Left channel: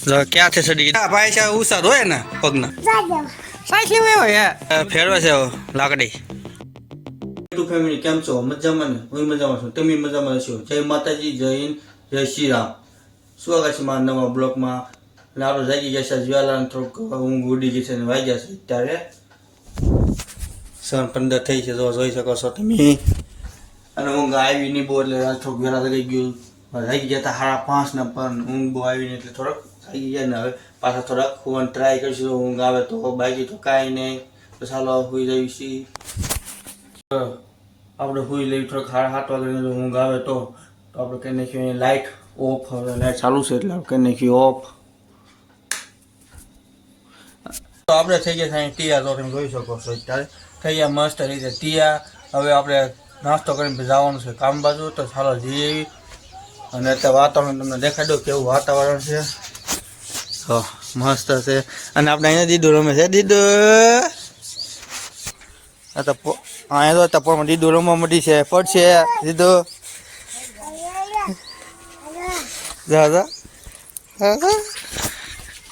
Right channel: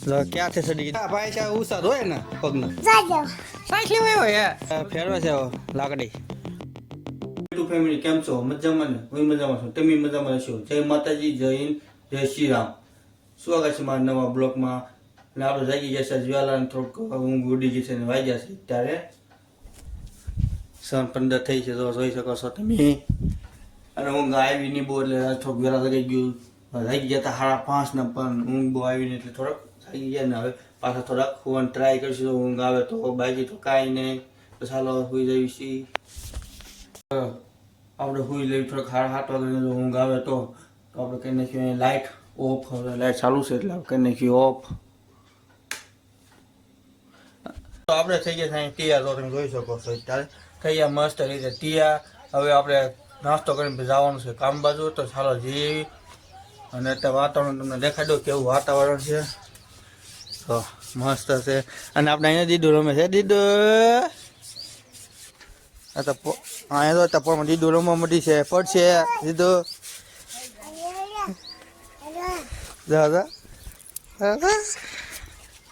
ક્યાં છે સડી ગઈ પાછા ઉસાદ હોય ને પગના પાછી હોય ફેરવે છે લાકડી. ફેમિલી કેમ છો? મજામાં ને? હું મજામાં છું, તમે મજામાં છો? જય માતાજી, જય હિન્દ, જય શ્રી રામ. સ્વાગત છે મારા નવા બ્લોગમાં. લાડો જાગી ગયા છે, જ્વાલા થોડુંક ઊંઘ ઉડી ગઈ છે ને વાગ્યા છે ત્યારે 7:15 થઈ છે, તો જોઈ શકો છો તમે. અને ઊંઘ આવી નહીં બહુ, એટલે થોડુંક વેલા થઈ ગયું. જાગી ગયા હતા 5:30 ને, પણ ઊંઘ બહુ આવી નહીં એટલે થોડાક જાગી ગયા ને હવે પાછા થોડાક હોવાનું ટ્રાય કરીશું. ઊંઘ આવે તો, બાકી તો કાંઈ નહીં. તો ચાલો સુઈ જઈએ છીએ. આપણે સુઈ લઈએ થોડાક 7:30 વાગે. ઊંઘ આવે તો આપણે કહી નાખ્યું લાઇટ ઓફ. હવે લાઇટ ચાલુ છે એટલે કહી નાખ્યું ઓફ. તો આપણે થઈ ગયા સાંઈ તૈયાર, તો તમે જોઈ શકો છો અત્યારે થઈ ગયા મસ્ત રીતે તૈયાર. હવે આપણે નાસ્તો કરીને જવાનું છે કામ બાજુ, તો ચાલો જઈએ. અને અત્યારે વાતાવરણ તમને દેખાડી દો કેવું વાતાવરણ છે. મસ્ત છે. અને આપણે અહીંયા દીદુ રમે છે. દીદુ અહીંયા તો પણ દીદુ રમવા મળી છે. પડશે દીદુ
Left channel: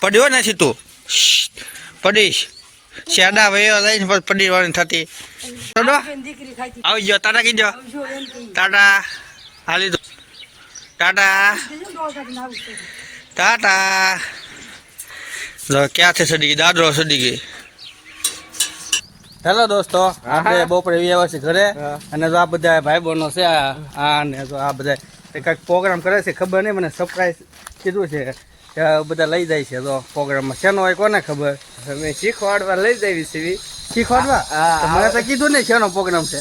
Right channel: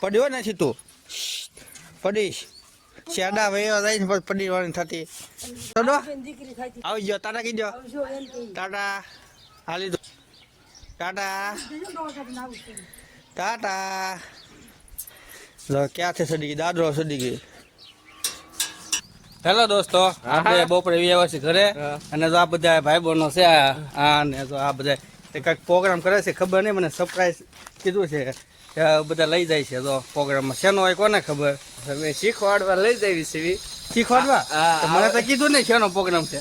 પડ્યો નથી તું, પડીશ શેડા વયો જાય ને પડી વાળી થતી. આવી ગયો, ટાટા કીધો, ટાટા હાલી દો, ટાટા ટાટા. ક્યાં છે સડી ગઈ? દાદરો સડી ગઈ. હેલો દોસ્તો, આપણે બપોરે આવ્યા છે ઘરે. અને જો આ બધા ભાઈ બહેનો છે, આ ને જો આ બધા કંઈક પ્રોગ્રામ કરે છે, ખબર નહીં, મને સરપ્રાઈઝ કીધું છે. બધા લઈ જાય છે તો પ્રોગ્રામમાં. શેનો હોય કોને ખબર? અમે શીખવાડવા લઈ જઈએ છીએ. શીખવાડવા? મને તો કીધું નહીં શેનો પ્રોગ્રામ છે.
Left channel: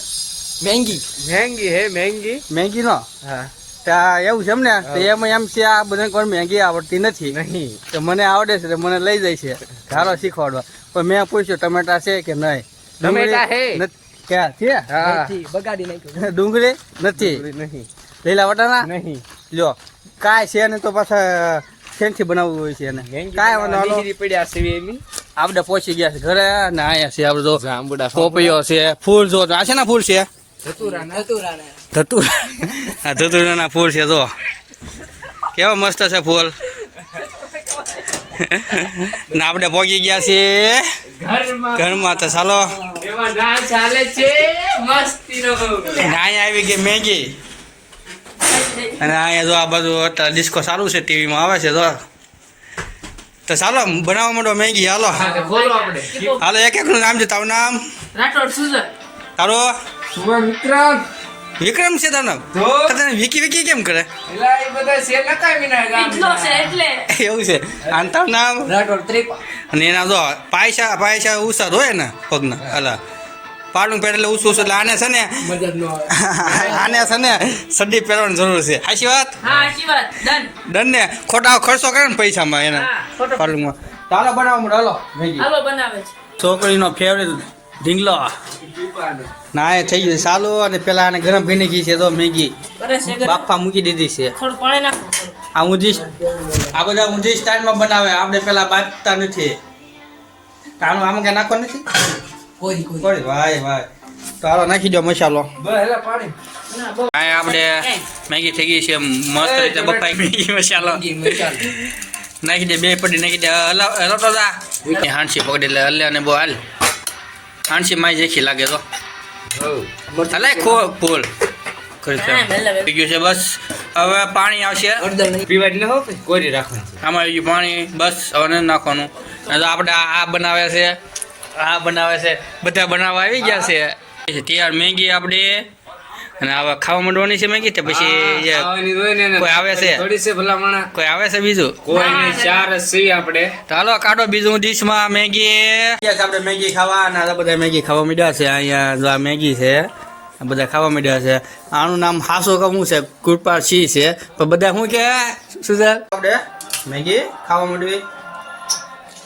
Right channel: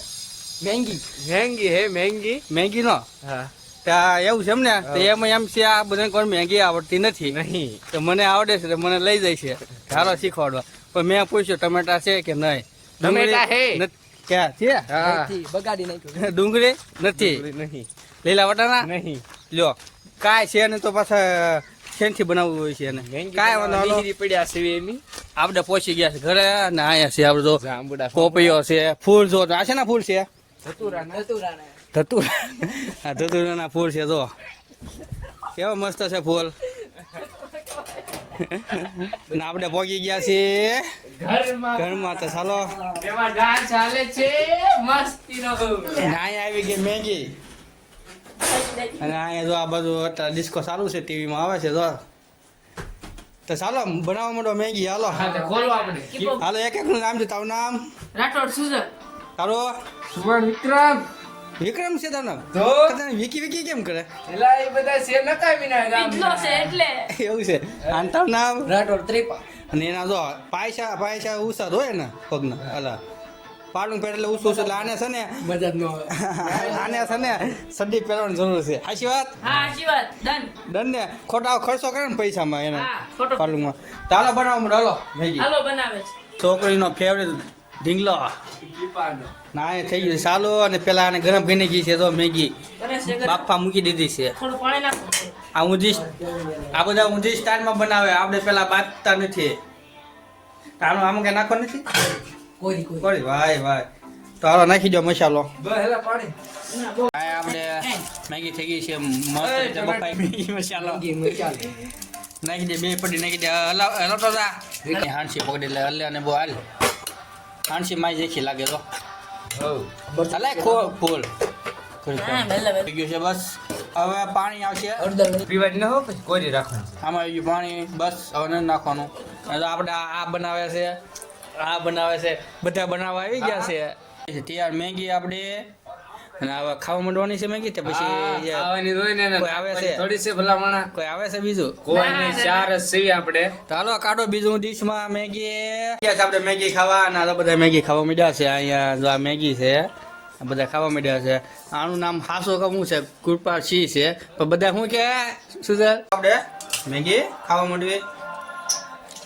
મહેંગી હે મહેંગી. મહેંગી નો? હા. ત્યાં એવું છે એમ ને? તો એમાં એમ છે આ બધા કોઈ મહેંગી આવડતી નથી. નહીં તો મને આવડે છે, મને લઈ જાય છે સારો શીખવાડવા. પણ મેં પૂછ્યું ટમેટા છે કે નહીં? ટમેટા હે. ક્યાં છે? બગાડી નાખ્યો. ડુંગળી નથી? નહીં. લીલા વટાણા નહીં. લ્યો કાંઈ છે ને તો પાછા શેનથી બનાવવું હોય છે એને કાંઈ બનાવવાનું પડ્યા છે એમ. આપણે પહોંચી ગયા છે ઘરે ને આયા છે આપણે તો પોપૈયો છે, ફૂલ જો આ છે ને ફૂલ છે ધતુરાના ફૂલ છે. જો કેવા મસ્ત છે ફૂલ. ને આપણે પહોંચી ગયા છીએ ઘરમાં. તો ચાલો ચાલે છે મસ્તીનો. અહીંયા આવી ગઈ મેગી. અને અહીંયા જો આ બધું અત્યારે ડિસ્કો સારું છે, ટીવીમાં આવે છે. તો ચાલો બનાવવા માંડો મેગી. હાલો હાલો, એક એકનું નામ છે. તારું નામ? રાઠોડ સુજન. તારો? વિક્રમ. વિક્રમ છે તારું નામ? તને વિકી વિકી કેમ કરે? એલા એ બધા છે લકાવીના ગામનો છે એટલે એવું છે. અને તારું નામ? રાઠોડ ત્રિપા. અને એના જો પાયસા ઉસાદ હોય ને પગના, અલા પાડું પહેરે એટલે ઉસું એટલે આને છે ને મદદ નો આવે. આને છે ને સડી પહેરવાની જરૂર છે. સાચી વાત? હા સાચી વાત. ડન ને ખોટા ખર્ચો કરે ને પૈસામાં એના પાડુંમાં. ચાલો બનાવવા માંડો. હાલો મેગી. હાલો બનાવે છે. છોકરીનો ફેવરેટ ઢીંગલો ના એ થઈ ગયું ચાલુ. અને પેલા આને ગરમ ભીની ગઈ છે તો મેગી બાફા મૂકી દીધી છે. થોડું પાણી નાખો. આ બધા ઊંધી સ્ટાઇલમાં બનાવે. આપણે પેલા બાફતા નથી. આનું આમ કે નાખવા નથી કોઈ. ભાઈ તારો નાખી દો મસાલો. આપણે મેગી થઈ ગઈ છે મસ્ત રીતે બફાઈ. મેગી મસાલો નાખી દે, 2 પડી નાખી દે. હલો હાંસી પકડી એટલે હલે અને બહુ હાલ. હાંસી માય જેખી લાગે તો હલે ફૂલ કરી ગયું છે. બસ હવે પાણી આવશે પીવા એટલે હો કોરી રાખવાનું. આમાં આવી ગયું પાણી. બસ હવે નથી નાખવાનું. આપણે આ બનાવે છે, આ બનાવે છે, બધા બનાવવા આવી ગયા છે તૈયાર મેગી આપણે. અને હવે ખાવા માંડવાની છે મેગી. તો પછી કોઈ આવે છે? થોડી છે ભલામણા. કોઈ આવે છે બીજું? કોઈ નહીં, 4 જ છે આપણે. ચાલો કાઢો બીજું ડીશમાં મેગી. આપણે મેગી ખાવા અને બધા મેગી ખાવા માંડ્યા છે. અહીંયા જો આ મેગી છે, બધા ખાવા માંડ્યા છે. આનું નામ હાસો કવું છે, કૃપા સિંહ છે. પણ બધા શું કે સુધર આપણે મેગી ખાવા માંડવી.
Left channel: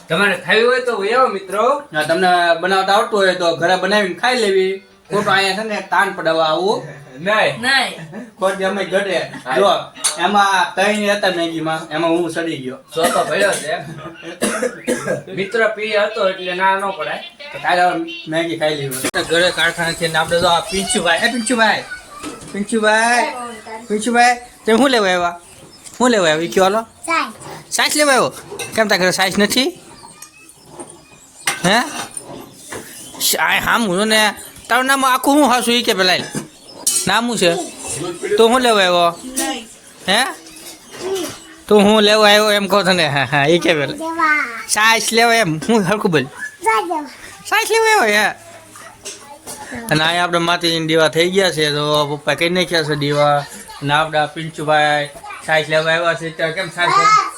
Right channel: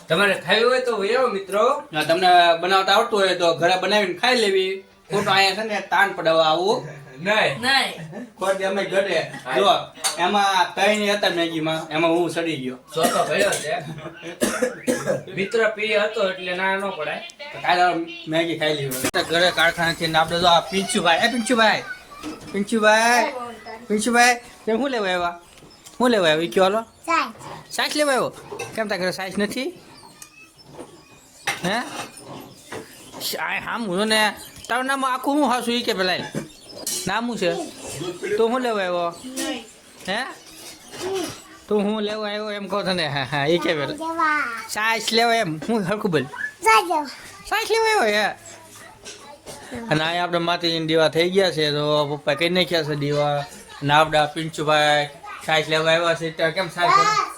તમારે ખાવી હોય તો આવો મિત્રો. તમને બનાવતા આવડતું હોય તો ઘરે બનાવીને ખાઈ લેવી. ખોટો અહીંયા છે ને તાન પડાવવા આવું નહીં. ખોટી અમે ઘટે. જો એમાં 3 હતા મેગીમાં, એમાં હું સડી ગયો. સોતો ભર્યો છે. મિત્ર પી હતો એટલે ના ન પડાય. તો કાલે મેગી ખાઈ લેવી. ઘરે કારખાના છે ને આપણે જો આ પિંચુભાઈ પિંચુભાઈ તે શું લેવા આવ્યા? વિક્યો હાલો સાઈસ લેવા આવ્યો કેમ તારા ઘરે સાઈસ નથી હે હામ હું ને તારું નામ આખું હું હાસું એ કે પેલા નામ શું છે તું શું લેવા આવ્યો હે તું હું લેવા આવ્યો એમ કહો તને હા હા એ કે પેલા સાઈસ લેવા એમ હું હરખું બોલ સાઈસ લેવા આવ્યો હે અને અહીંયા આપણે માતાજીની દીવા થઈ ગયા છે તો પપ્પા કઈ નાખ્યા છે દીવા ને આપણા પિંચુભાઈ સાઈસ લેવા આવ્યા છે ત્યાં કેમ સાઈસ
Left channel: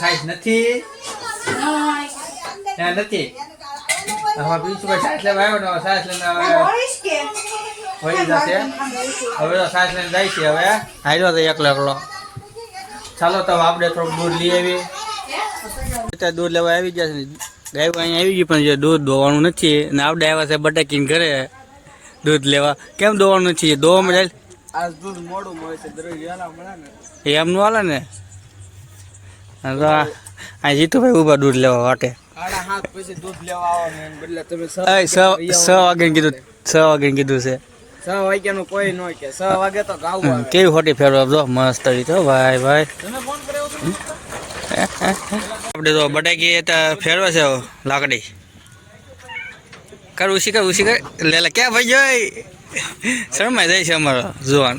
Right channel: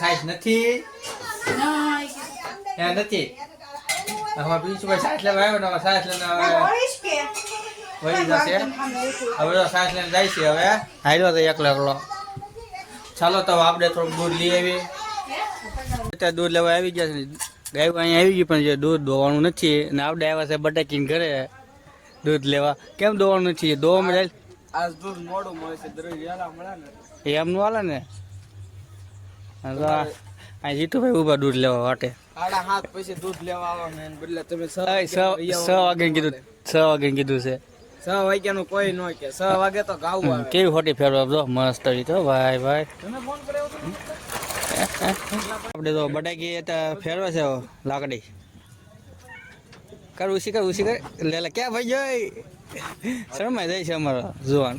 સાઈસ નથી નથી આમાં પિંચુભાઈ સાઈસ લેવા આવ્યો ને સાઈસ લઈને વળી જશે હવે તો સાઈસ લઈને જાય છે હવે હાલ્યો તો એકલો ચાલો તો આપણે થોડુંક દૂધ લઈ આવી અત્યારે દૂધ લેવા આવી ગયા છે ગાય અહીંયા આવી ગઈ પણ જે દૂધ દોવાનું નથી ને આપણે આવ્યા છે બટાકીને ઘરે દૂધ લેવા કેમ દોવાનું નથી દોવામાં જાય આજ દૂધ મોડું મળે છે દરરોજ વહેલા મળે ને એમ નું હાલે ને તો આ જીતુભાઈ ઉભા દૂધ લેવા વાટે 7:30 પછી દૂધ લેવા આવવાનું એમ એટલે તમે 6 વાગે કીધું 6 વાગે કીધું છે 6 વાગ્યાનું કોઈ ન કે 6 વાગે તો ગાવું આવે કેવી ખોટી ફેરવા જો મસ્ત આવી તો ભાઈ ભાઈ તમે ફોન કર્યો હતો આપણે તો બટાકી ફેરવા છે લાકડી કર ઉસી કર લે લે ક્યાં ભાઈ જોઈ શરમાઈ જાય છે અમારો જુવાન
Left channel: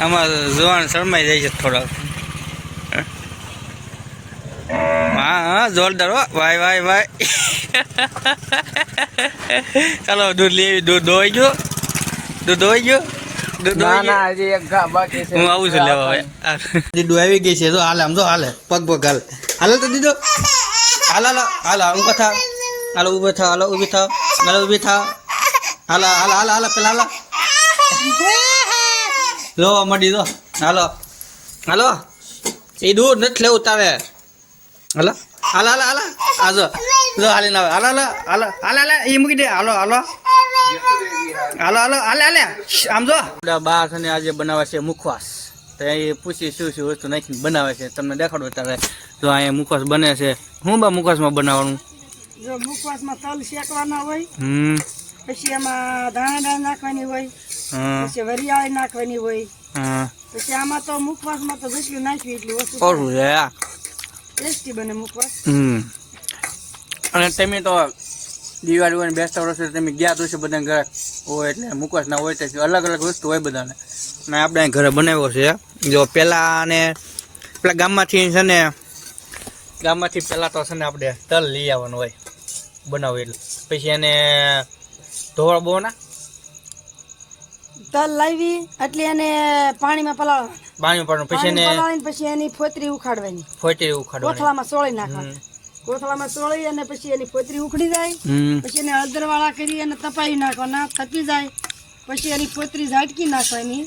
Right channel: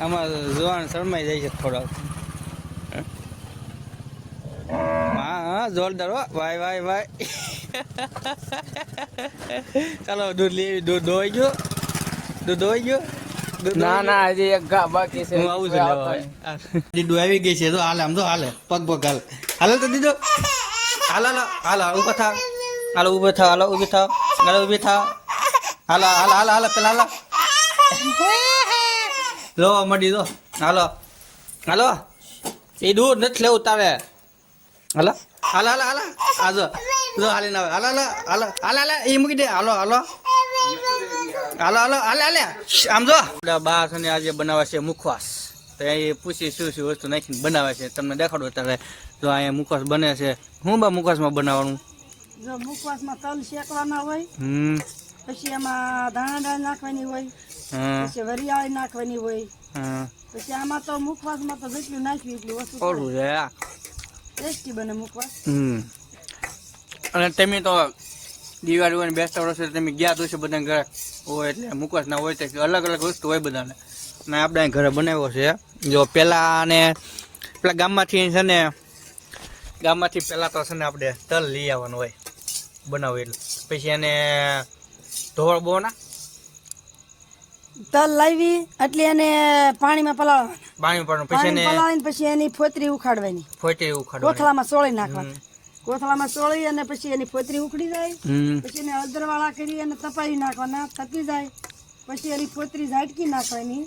અમારો જુવાન શરમાઈ જાય છે થોડો હા હા જોરદાર હો ભાઈ ભાઈ ભાઈ ચાલો દૂધ લેવી દૂધ ધોઈ ગયો ના ના હજી એક ગા બાકી છે હું આવું છું લેવા હવે દીદુ આવી ગઈ છે તો હાલે આમ જો હાલે પગ હાલે હાલે તો દીદો હાલો ઊભા થાવ હાલો ઊભી થાવ હાલો પેલા હાલો લો મડી દો હાલો એ દૂર નથી લેવું તારે હાલો આજો લો હાલી ના હાલો એ મૂકી દે હાલો આમ જો બા છે ને આજે બનાવે છે મુખવાસ તો એ પૂછી શું વસ્તુ નાખીને બનાવે છે તમને દેખાડો ત્યારે તો અહીંયા મુખવાસ બને છે હું બા મુખવાસમાં બનાવવાનું જો મુખવાસમાં તલ શેકવાના હોય પછી એમાં ધાણા નાખવાની હોય પછી વરિયાળી નાખવાની હોય પછી આમાં તો મુખવાસમાં તો જેટલું નાખ્યું એટલું વસ્તુ ટેસ્ટી બને મુખવાસ અને તમે તો દિવાળી હોય ને બેસતા વર્ષે તમે ગયા તો છો બધા ઘરે હોય એટલે મુખવાસ ના હોય તો અલગ વસ્તુ હોય બધાને અને આપણે ઘરે બનાવ્યો છે જો પેલા ગામમાંથી છે ને પેલા તો છે ને આપણે તલ લઈ આવવાનું હોય બનાવું એટલે પછી એને ધોળ બહુ ના તલ લાવી એટલે એને પાણીમાં પલાળવાનું પછી એને પછી એની ફોતરી ઉખાડવાની ઉખાડવાની કોથળામાં સોળી નાખવાની કોથળામાં સોળી અને પછી એની ફોતરી ઉખડી જાય પછી એને હળદરવાળા કરી અને તપાઈ નાખવાના તપી જાય પછી એની ફોતરી ઝાટકી નાખવાની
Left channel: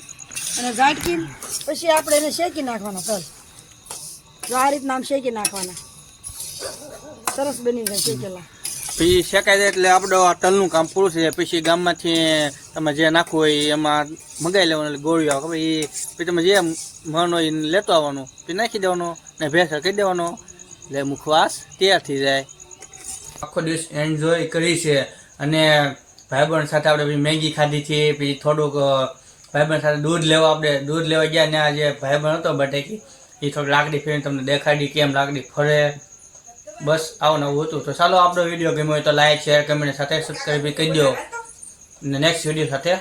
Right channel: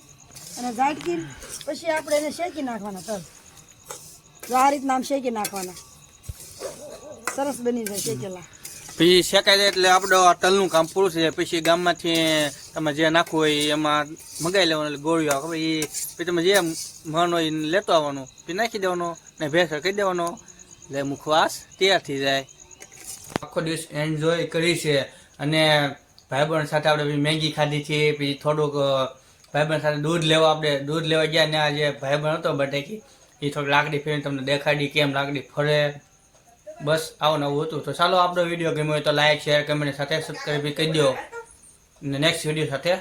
અને ઝાટકી પછી આપણે એને શેકી નાખવાના તલ તો આ રીતના આમ શેકી નાખવાના સરસ બની જાય શેકેલા પછી શેકાઈ જાય એટલે આપણે તલનું કામ પૂરું છે પછી ગામમાંથી તમે જે નાખવું હોય એમાં મગાઈ લેવાનું ગોળીઓ પછી તમે જે મન હોય લેતો આવવાનું તે નાખી દેવાનું ને ભેસા કરી દેવાનો એટલે મુખવાસ તૈયાર થઈ જાય આખો દિવસ એન્જોય કરી છે અને ભાઈબંધ સાથે આપણે મેગી ખાધી છે પછી થોડુંક ભાઈબંધ સાથે દૂધ લેવા ગયા ને આજે ભાઈબંધ હતો બટેકી એ થોડીક લાકડી ફેરીને તમને દેખાડી કેમ લાકડી ફરે બસ આવું નવું હતું તો ચાલો આપણો વિડીયો ગમ્યો હોય તો લાઈક શેર કમેન્ટ સાથે સબસ્ક્રાઈબ કરી દો નેક્સ્ટ વિડીયો સાથે